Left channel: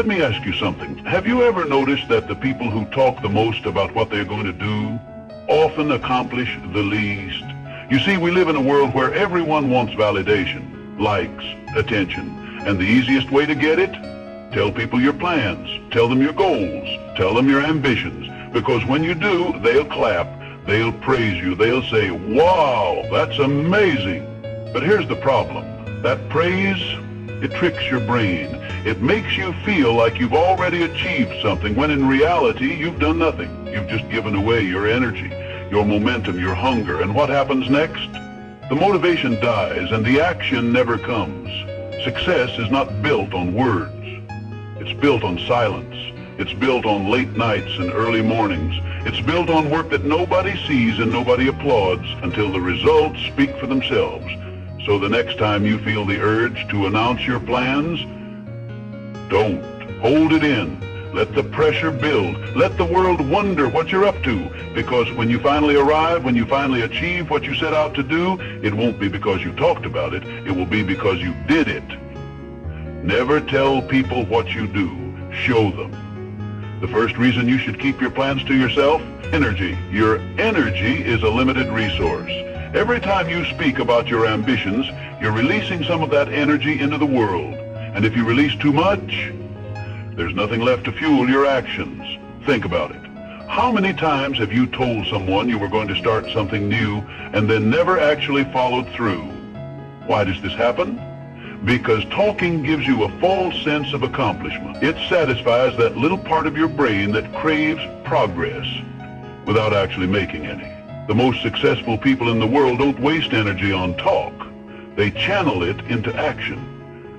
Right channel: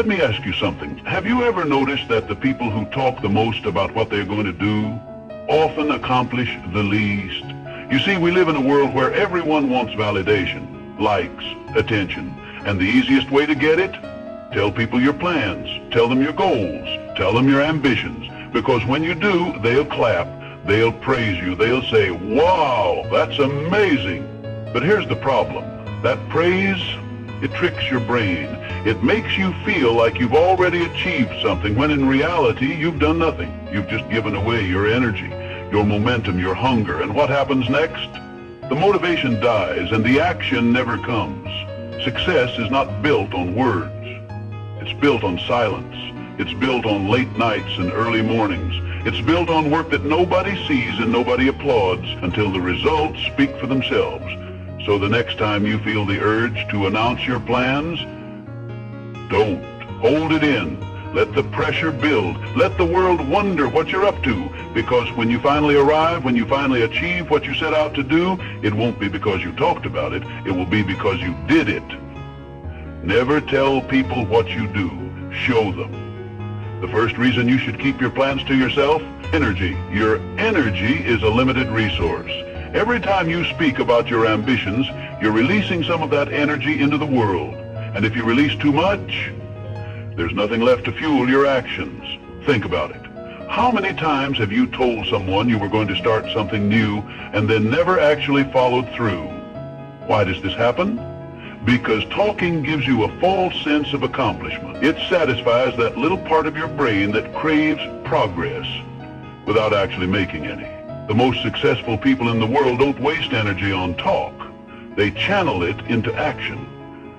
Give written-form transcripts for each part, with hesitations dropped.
Let me ask you something. Have you ever noticed that the people who talk the most about what they're going to do often accomplish the least? You see, we live in a world where everyone wants validation, likes, attention. And the easiest way to get it? Tell people your plans, tell them your goals, tell them your ambitions. Because when you do, they'll clap, they'll praise you, they'll say, wow, that's amazing. But here's the problem. That praise, it tricks your brain. It makes you feel like you've already achieved something, when in reality, you've done nothing. You've just given away your energy, your momentum, your hunger. And what happens next? The motivation dies and the action never comes. Success is not built on words. It's built on silence. It's built on late nights and early mornings. It's built on work that nobody sees and nobody applauds until the results speak for themselves. So the next time you feel the urge to announce your plans, don't. Hold it in. Let the pressure build. Let the world wonder what you're up to. Because when you finally arrive, when you finally achieve what you set out to do, it won't be because you talked about it. It will be because you did it. Never tell people what you do. Show them. The first reason you should keep your plans to yourself? Energy. Your energy is a limited resource. Every time you speak about your ambitions, you're releasing some of that energy into the world. And if you release too much, there's nothing left to fuel your actions. Think about it. How many times have you told someone you were going to start something new and then never actually followed through? Why does this happen? Because talking gives you a false sense of accomplishment. It satisfies that little part of your brain that craves progress without actually making any. The most successful people in the world don't waste energy on talk. They channel it into action.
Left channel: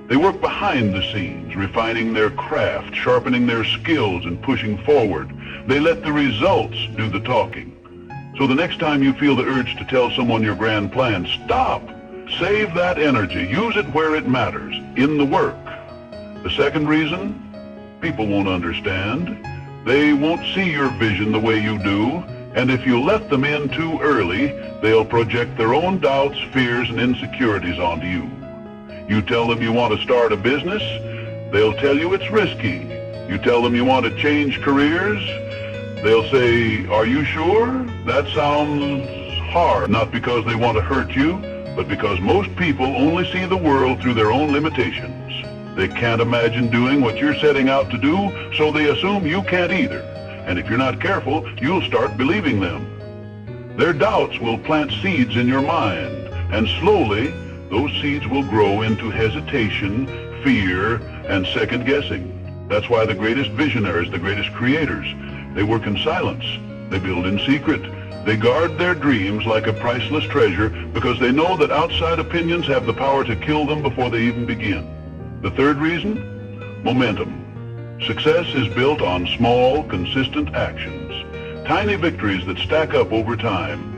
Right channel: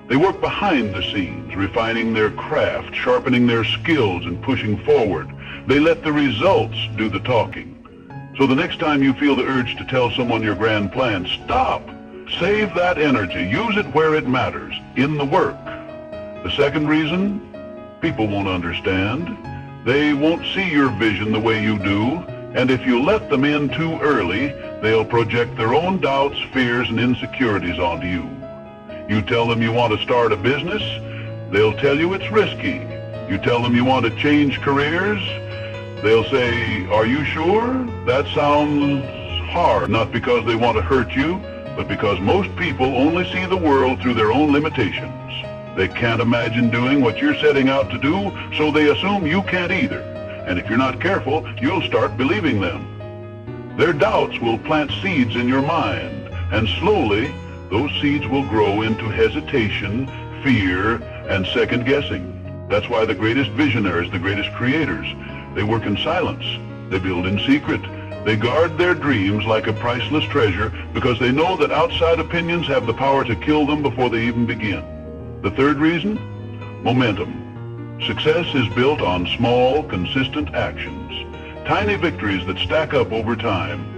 They work behind the scenes, refining their craft, sharpening their skills, and pushing forward. They let the results do the talking. So the next time you feel the urge to tell someone your grand plan, stop. Save that energy. Use it where it matters, in the work. The second reason? People won't understand. They won't see your vision the way you do. And if you let them in too early, they'll project their own doubts, fears, and insecurities onto you. You tell them you want to start a business, they'll tell you it's risky. You tell them you want to change careers, they'll say, are you sure? That sounds hard. Not because they want to hurt you, but because most people only see the world through their own limitations. They can't imagine doing what you're setting out to do, so they assume you can't either. And if you're not careful, you'll start believing them. Their doubts will plant seeds in your mind, and slowly, those seeds will grow into hesitation, fear, and second-guessing. That's why the greatest visionaries, the greatest creators, they work in silence. They build in secret. They guard their dreams like a priceless treasure because they know that outside opinions have the power to kill them before they even begin. The third reason? Momentum. Success is built on small, consistent actions. Tiny victories that stack up over time.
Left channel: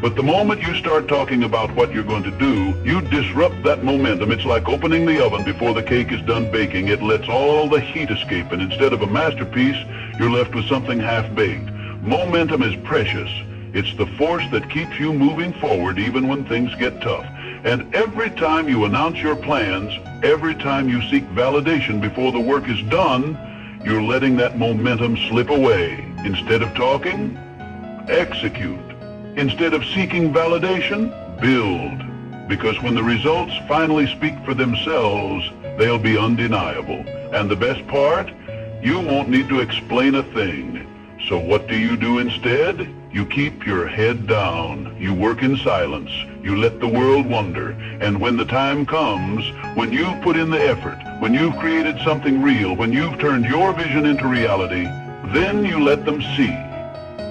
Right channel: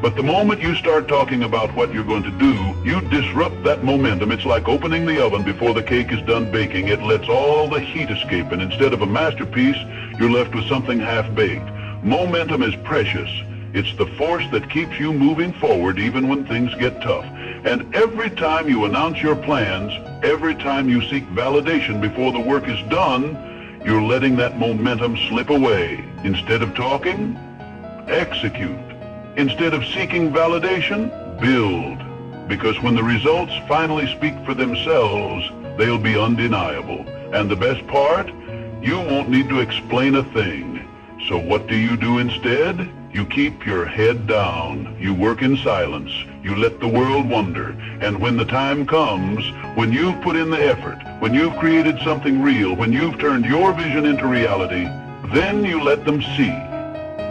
But the moment you start talking about what you're going to do, you disrupt that momentum. It's like opening the oven before the cake is done baking. It lets all the heat escape, and instead of a masterpiece, you're left with something half-baked. Momentum is precious. It's the force that keeps you moving forward even when things get tough. And every time you announce your plans, every time you seek validation before the work is done, you're letting that momentum slip away. Instead of talking, execute. Instead of seeking validation, build. Because when the results finally speak for themselves, they'll be undeniable. And the best part, you won't need to explain a thing. So what do you do instead? You keep your head down. You work in silence. You let the world wonder. And when the time comes, when you've put in the effort, when you've created something real, when you've turned your vision into reality, then you let them see.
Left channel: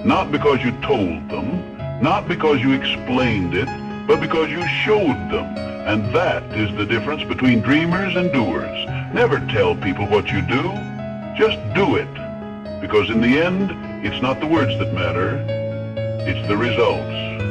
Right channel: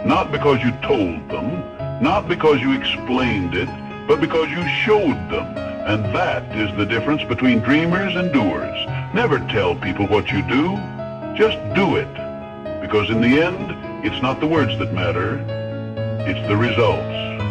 Not because you told them, not because you explained it, but because you showed them. And that is the difference between dreamers and doers. Never tell people what you do. Just do it. Because in the end, it's not the words that matter, it's the results.